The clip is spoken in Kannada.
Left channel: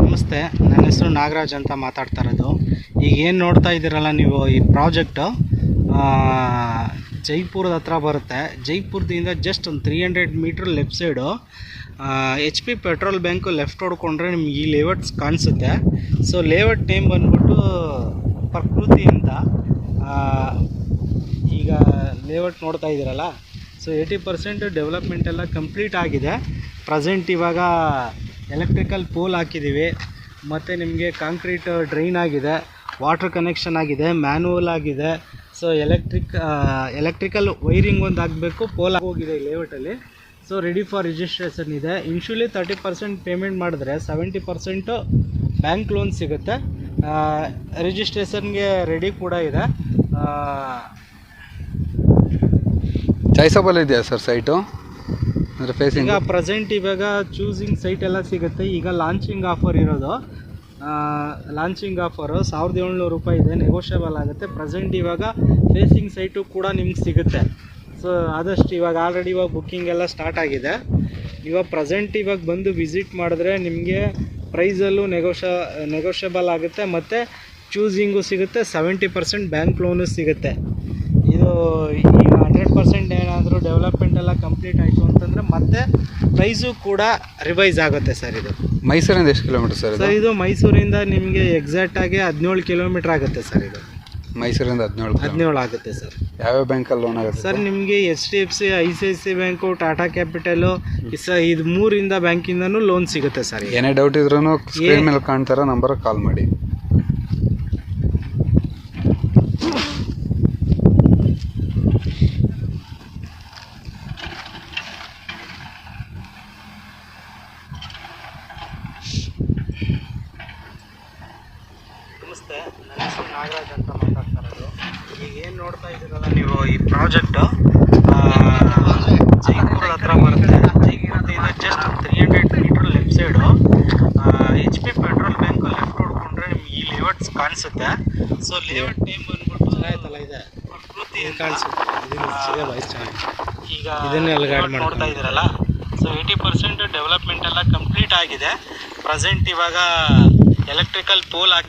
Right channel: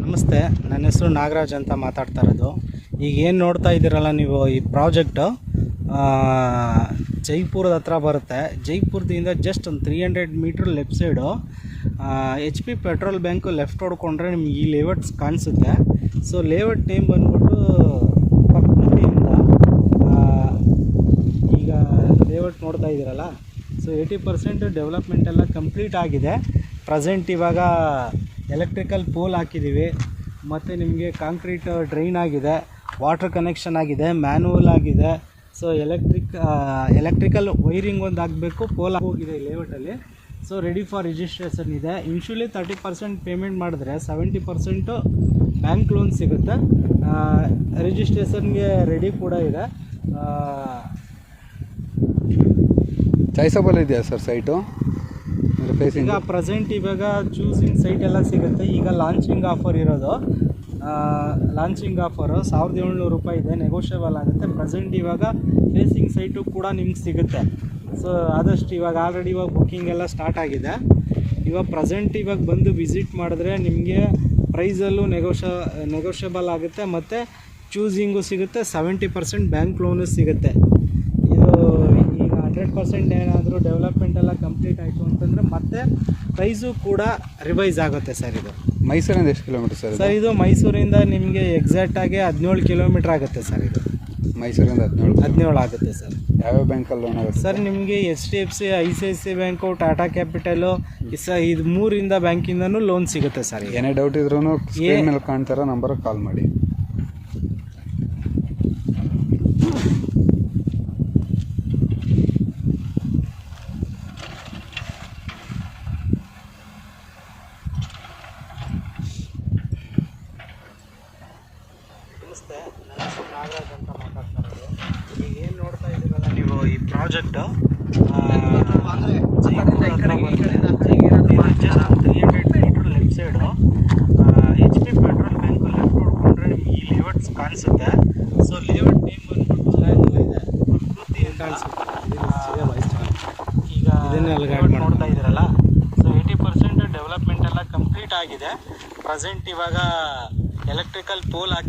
ನಮಸ್ತೆ, ನನ್ನ ಹೆಸರು ನಾಗರಾಜ್ ಅಂತ ಮಾತಾಡ್ತಾ ಇರೋದು. ಈಗ ಏನು ನೋಡ್ತಾ ಇದ್ದೀರಲ್ಲ ನೀವು, ಈ ಪ್ರಾಜೆಕ್ಟು ಜೈಪುರದ ಹತ್ರ ಬರುತ್ತೆ. ಜೈಪುರದಿಂದ ಜಸ್ಟ್ ಒಂದು 300 metre left side HP petrol bunk left ಹೊಡ್ಕೊಂಡ್ರೆ ನಿಮ್ಗೆ ಈ ಲೇಔಟ್ಸ್ ಕಾಣಿಸುತ್ತೆ. ಸೊ ಲೇಔಟ್ ನೇಮ್ ಬಂದ್ಬಿಟ್ಟು ಪ್ರಕೃತಿಯಿಂದ. ಈಗ ಲೇಔಟ್ ನೋಡ್ತಾ ಇದ್ದೀರಲ್ಲ, ಸೊ 80% ಡೆವಲಪ್ಮೆಂಟ್ ಎಲ್ಲ ಕಂಪ್ಲೀಟ್ ಆಗಿದೆ. ಪ್ರೆಸೆಂಟ್ ಇವಾಗ ಎಲೆಕ್ಟ್ರಿಕಲ್ ಪೋಲ್ ಹಾಕಿದ್ದೀವಿ, ಮತ್ತು ನಿಮಗೆ ಕಾಂಕ್ರೀಟ್ ಡ್ರೈನ್ ಆಗಿದೆ, ವಾಟರ್ ಕನೆಕ್ಷನ್ ಆಗಿದೆ, ಮ್ಯಾನುವಲ್ ಆಗಿದೆ. ಸೊ ಎಲೆಕ್ಟ್ರಿಕಲ್ ವೈರಿಂಗ್ ಒಂದು ಆಗಬೇಕು, ಪೋಲ್ ಹೋಗಿದೆ ಈ ಲೇಔಟಲ್ಲಿ. ಸೊ ರೆಡಿ ಫಾರ್ ರಿಜಿಸ್ಟ್ರೇಷನ್ ಇದೆ. ಇನ್ಶೂಲಿ 30% ಪೇಮೆಂಟ್ ಮಾಡಿದ್ರೆ 70% ಬ್ಯಾಂಕ್ ಲೋನ್ ಸಿಗುತ್ತೆ. ರಿಜಿಸ್ಟ್ರೇಷನ್ಗೆ ರೆಡಿ ಕೂಡ ಇದೆ. ಚಾಯ್ಸಬಲ್ ಇದೆಯಾ ಸರ್ ಸೈಟು? ಈಗ ಪ್ರೆಸೆಂಟ್ ಇವಾಗ ಚೂಸಿಂಗ್ ಸೈಟ್ ಎಲ್ಲ ಸಿಗುತ್ತೆ. ಈಗ ಲಾಂಚಿಂಗ್ ಆಫರ್ ಇರೋದು, ಲಾಂಚಿಂಗ್ ಆಫರು 1700 ರೂಪಾಯಿ ಇದೆ, ನೆಗೋಷಿಯಬಲ್ ಆಗುತ್ತೆ. ಪ್ರೆಸೆಂಟ್ ಇವಾಗ ಫೇಸಿಂಗ್ ಸೈಟು ಕೂಡ ನಿಮ್ಗೆ ಸಿಗುತ್ತೆ. ಸೊ ಆದಷ್ಟು ಇವಾಗ ಆಲ್ರೆಡಿ ಇವಾಗ ಬುಕ್ಕಿಂಗ್ ಎಲ್ಲ ಸ್ಟಾರ್ಟ್ ಆಗಿದೆ. ಇವಾಗ ಪ್ರೆಸೆಂಟ್ ಇವಾಗ ಬಂದು ವಿಸಿಟ್ ಮಾಡಿದ್ರೆ ನಿಮಗೆ ಪ್ರೈಸಲ್ಲೂ ನೆಗೋಷಿಯಬಲ್ ಆಗುತ್ತೆ, ಮತ್ತು ಚೂಸಿಂಗು ಸಿಗುತ್ತೆ, 70% ಬ್ಯಾಂಕ್ ಲೋನು ಸಿಗುತ್ತೆ. ಇದು ಈಗ 100% ಏನಾದರೂ ಡೆವಲಪ್ಮೆಂಟ್ ಎಲ್ಲ ಕಂಪ್ಲೀಟ್ ಆಯಿತು ಅಂತಂದರೆ ಮತ್ತೆ ಪ್ರೈಸು ಕೂಡ ರಿವೈಸ್ ಆಗುತ್ತೆ ಸರ್. ಇದು ಮೈಸೂರಿಂದ ಎಷ್ಟು ಕಿಲೋಮೀಟರ್ ಸರ್? ಸರ್ ಇದು ಮೈಸೂರಿಂದ ನಿಮಗೆ ಎಕ್ಸಾಕ್ಟಾಗಿ 17 ಕಿಲೋಮೀಟ್ರ್ ಆಗುತ್ತೆ ಸರ್. ಇದು ಮೈಸೂರಿಂದ 17 ಆಗುತ್ತೆ ಸರ್. ಯಾವ್ಯಾವ ಬ್ಯಾಂಕಲ್ಲಿ ಲೋನ್ ಆಗುತ್ತೆ ಸರ್? ನಿಮಗೆ HDFC, ICICI bank, Tata capital, ಇದು 3 ಬ್ಯಾಂಕಿಂದನೂ ಲೋನ್ ಸಿಗುತ್ತೆ ಸರ್. ಏನೇ ಡೌಟ್ ಇದ್ರೂ ಸ್ಕ್ರೀನ್ ಮೇಲೆ ಕಾಣ್ತಾರೋ ನಂಬರ್ಗೆ ಕಾಲ್ ಮಾಡಿ. ನಮಸ್ತೆ, ನನ್ನ ಹೆಸರು ನಾಗರಾಜ್ ಅಂತ ಮಾತಾಡ್ತಾ ಇರೋದು. ಈಗ ಏನು ನೋಡ್ತಾ ಇದ್ದೀರಲ್ಲ ನೀವು, ಈ ಪ್ರಾಜೆಕ್ಟು ಜೈಪುರ ಹತ್ರ ಬರುತ್ತೆ. ಜೈಪುರದಿಂದ just 300 metre left side HP petrol bunk left ಹೊಡ್ಕೊಂಡ್ರೆ ನಿಮ್ಗೆ ಈ ಲೇಔಟ್ಸ್ ಕಾಣಿಸುತ್ತೆ. ಸೊ ಲೇಔಟ್ ನೇಮ್ ಬಂದ್ಬಿಟ್ಟು ಇದೆ ಪ್ರಕೃತಿ ಅಂತ ಕಾಣಿಸುತ್ತೆ. ಈಗ ಇದನ್ನೆಲ್ಲ ನೋಡ್ತಾ ಇದ್ದೀರಲ್ಲ, ಸೊ 80% ಡೆವಲಪ್ಮೆಂಟ್ ಎಲ್ಲ ಕಂಪ್ಲೀಟ್ ಆಗಿದೆ. ಪ್ರೆಸೆಂಟ್ ಇವಾಗ ಎಲೆಕ್ಟ್ರಿಕಲ್ ಪೋಲ್ ಹಾಕಿ